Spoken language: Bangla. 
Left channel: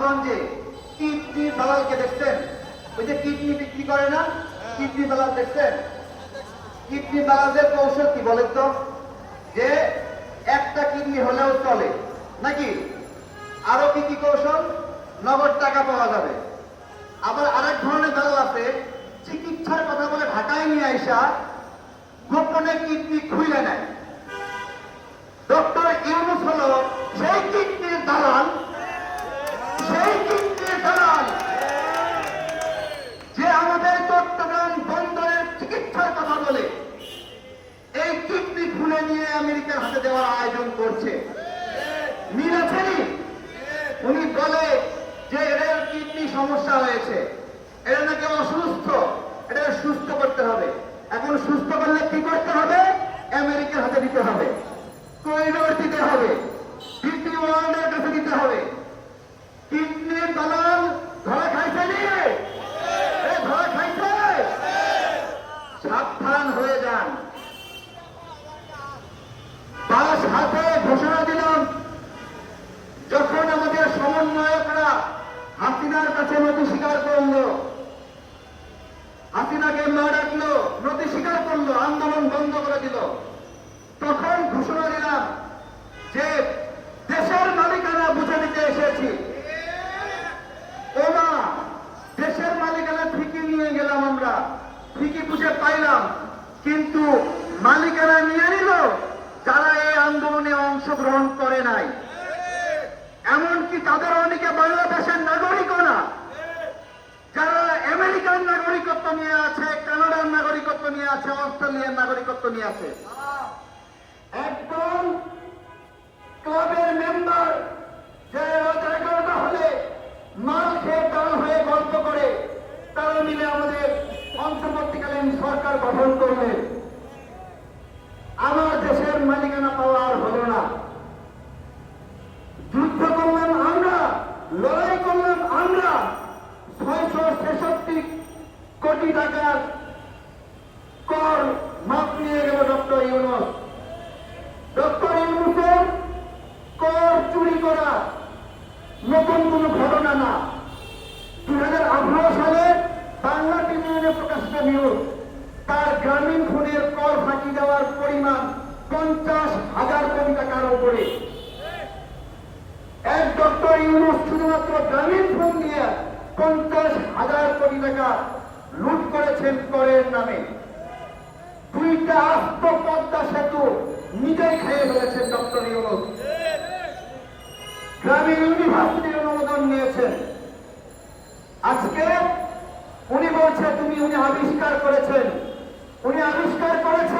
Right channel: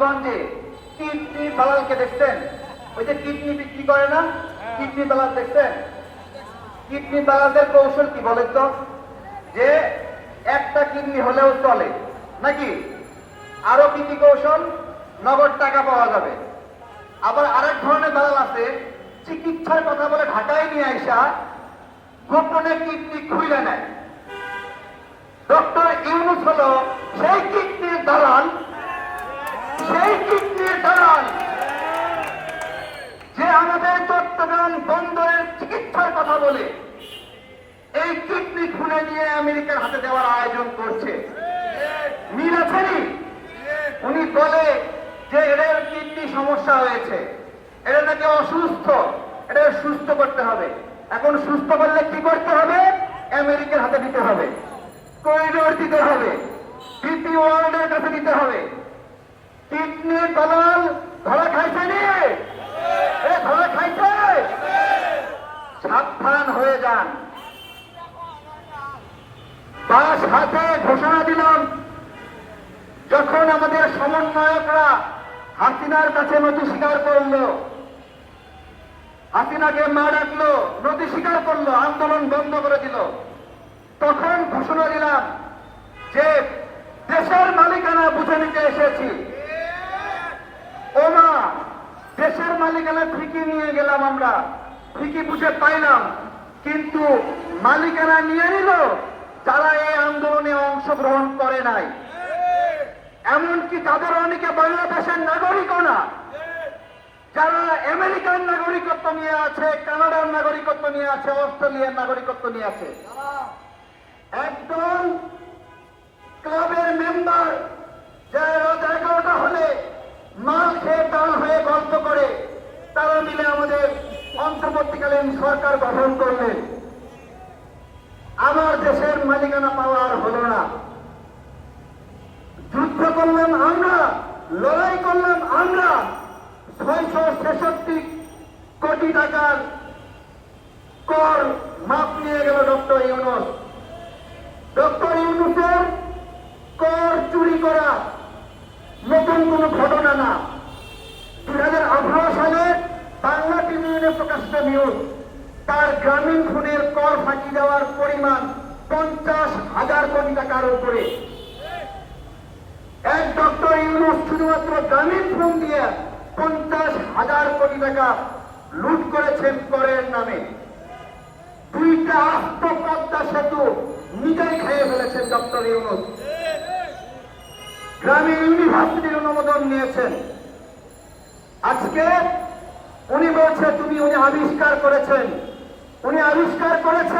গঞ্জে কিডনি দালালকে দেখছেন। ওই যে কিডনি বিক্রি করে না, কিডনি দালাল দেখছেন? কিডনি দালালদের কৌশল কি বলেন তো? যে একটা কিডনি হলেও চলে, নাকি? আরও কি কি কৌশল? নগদ টাকা পাওয়া যাবে। আবার আরেক ধরনের দালাল আছে, চিকিৎসার কথা বলে ঢাকায় নিয়ে আইসা গোপনে কিডনি খুলে নেয়। ডক্টর ইউনুস হলো সেই কিডনির দালাল সেই কিডনির দালাল যে আমাদের চট্টগ্রাম বন্দরের চিকিৎসার কথা বলে এই কিডনি খুলে নিয়ে আমেরিকার হাতে দেওয়ার আয়োজন করছে। মিল উনি বলে যে এদের কিডনি সমস্যা হয়েছে। এরা নাকি অসুস্থ। এটা সুস্থ করতে হবে। এখন সুস্থ করলে কি করতে হবে? আমেরিকার হাতে দিতে হবে। করিডোর দিতে হবে। পিটি ওয়ার্ল্ডের কাছে দিতে হবে। কিডনি দালাল হাতে ঘোষণা দিলাম, যখন আমাদের সমন্বয়করা হাসিনার কাছে নথি স্বীকার করল, হাসিনাকে মা ডাকলো, নথি স্বীকার করল, আন্দোলন বন্ধ করে দিল। তখন ঘোষণা দিলাম যে দেশের মালিকানা বুঝে নিতে এসেছি। ও মা দেশের মালিকানা ঠিকই নিয়ে গেলাম আমরা, ঠিকই বুঝে পাইলাম, কিন্তু মালিকানা নিয়ে নিল আন্দোলনে অংশগ্রহণ করে নাই। এমনকি তাদের অনেকে বাংলাদেশের নাগরিকও না। যারা আমেরিকান নাগরিকত্ব নিয়ে আছে, কানাডার নাগরিকত্ব নিয়ে আছে, অস্ট্রেলিয়ার নাগরিকত্ব নিয়ে আছে, একদম ক্লাবের মেম্বার যারা এগারোটা হলে মাল খেয়ে তারা হয়ে গল্প করে, তারা মিলে আমাদের অন্তর্বর্তীকালীন সরকার গঠন করলেন আমার দেশের মালিকানা পাওয়া আর হলো না যুদ্ধ করলাম আমরা লড়াই করলাম আমরা ছয়শো ছেষট্টি কোটি কর মাপ নিয়ে গেল ডক্টর ইউনুস। ডক্টর ইউনুসের কর চুরি করা নতুন কোন ঘটনা না। দুই হাজার আঠারো সালে বাংলা ট্রিবিউনে প্রকাশিত নিউজ তার গ্রামীণ ফোনের কর ফাঁকি দেওয়ার পরিমাণ পঞ্চাশ হাজার কোটি টাকার উপরে। এক ডক্টর ইউনুস শুধুমাত্র গ্রামীণ ফোন দিয়ে পঞ্চাশ হাজার কোটি টাকা লুট করেছেন করের নামে। দুইটা আস্ত পদ্মা সেতু নিজেই খেয়ে ফেলেছেন ডক্টর ইউনুস। গ্রামে ইউনিভার্সিটির অনুমোদন নিয়েছেন। আজকে উনি বলছে, তুমি, উনি আবিষ্কার করেছেন। উনি আবিষ্কার করেছেন